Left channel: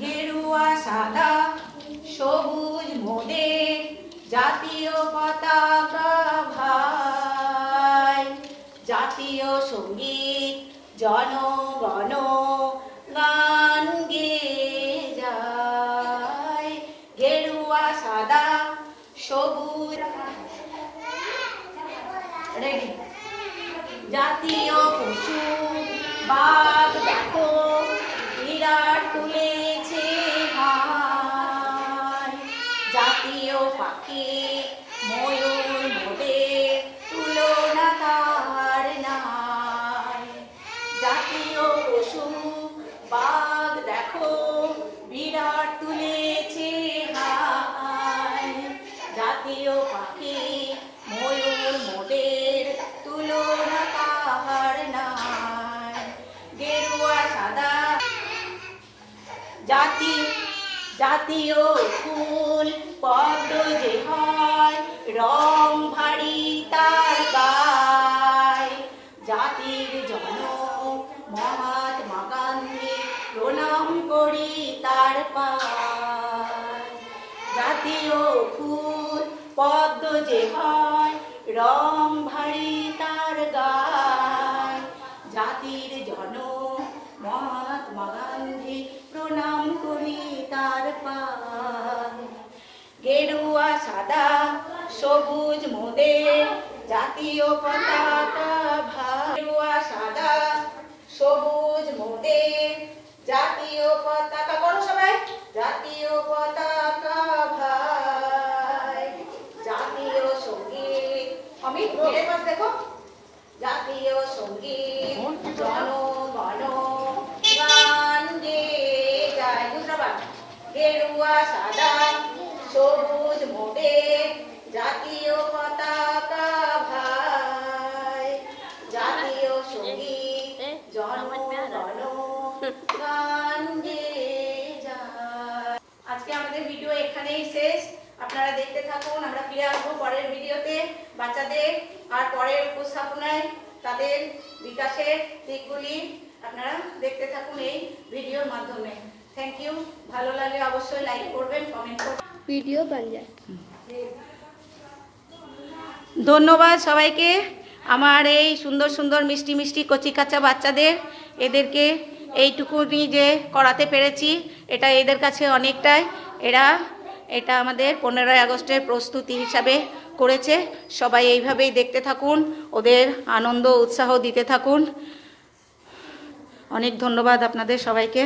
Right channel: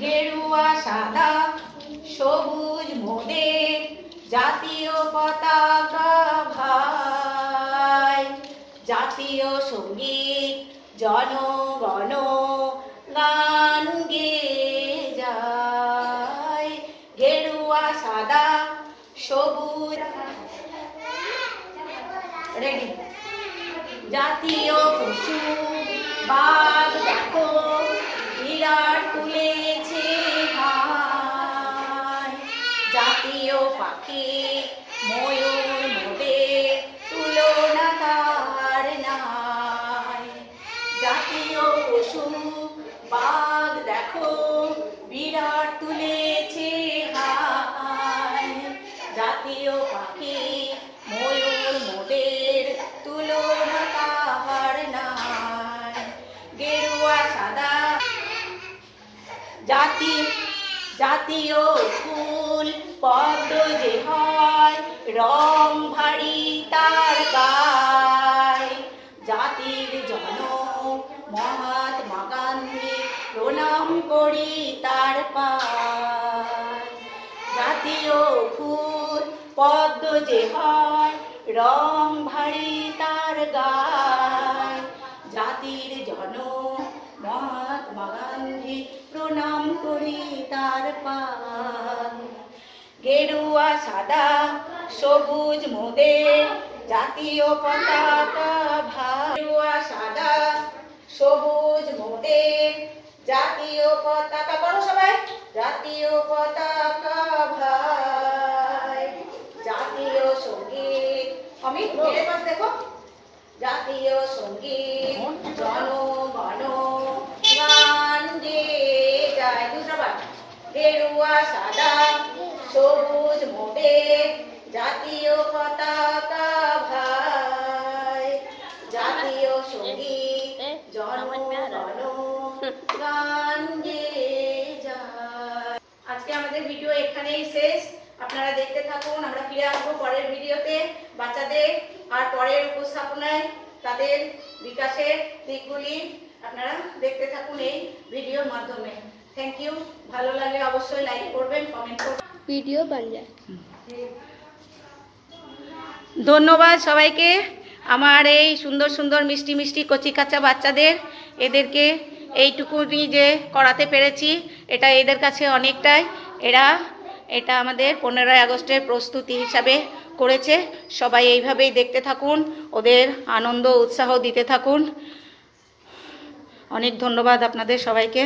গেরুয়া সাদা সবুজ মোদের জাতীয় পতাকা ভাই, জাতীয় সঙ্গীত জনগণ গান গেয়ে যায়। গেরুয়া সাদা সবুজ রেডি। জাতীয় পশু বাঘ দেখো বিরাট তুলেছে হায়, জাতীয় পাখি ময়ূর মোদের তুলনা তার নাই। জাতীয় পশু বাঘ দেখো বিরাট তুলেছে হায়, জাতীয় পাখি ময়ূর মোদের তুলনা তাহার নাই। গেরুয়া সাদা জাতীয় ফুল পদ্ম যে হয় রং ভারী তার গায়, জাতির জনক মহাত্মা গান্ধী প্রণাম করি তার পায়। জাতীয় ফুল পদ্ম যে হয় রং ভারী তার গায়, জাতির জনক মহাত্মা গান্ধী প্রণাম করি তার পায়। গেরুয়া সাদা সবুজ মোদের জাতীয় পতাকা ভাই, গেরুয়া সাদা সবুজ মোদের জাতীয় পতাকা, বলো সবাই, জাতীয় পতাকা ভাই, জাতীয় সঙ্গীত অমিত মেরে পাশ দেখো, জাতীয় সঙ্গীত জনগণ গান গেয়ে যায়। গুজরাট গেরুয়া সাদা সবুজ মোদের জাতীয় পতাকা ভাই, জাতীয় সঙ্গীত জনগণ গান গেয়ে যায়। আজকে আমাদের ভিডিও এখানেই শেষ। আপনারা দেখতে থাকুন, আমরা ফিরে আসবো পরের ভিডিওতে বাচ্চাদের আর পরের উপস্থাপনায় তাদের বিকাশের দিকগুলি আপনারা দেখতে থাকুন এই ভিডিওর মাধ্যমে। Thank you. ভালো লাগলে অবশ্যই লাইক করবেন, কমেন্ট করবেন। ভিডিও बन जाए। ধন্যবাদ সবাইকে। আমার এই সুন্দর সুন্দর মিষ্টি মিষ্টি কচি কাঁচা বাচ্চাদের এদেরকে এইটুকুনি যে করাতে পেরেছি এটা এদের কাছে অনেকটাই। এটা আমাদের 15ই আগস্টের প্রস্তুতি হিসাবে করেছে। সবাই এইভাবেই দেখতে থাকুন, ওদের আনন্দ উৎসাহ দিতে থাকুন। অনেক ধন্যবাদ আপনাদের সবাইকে।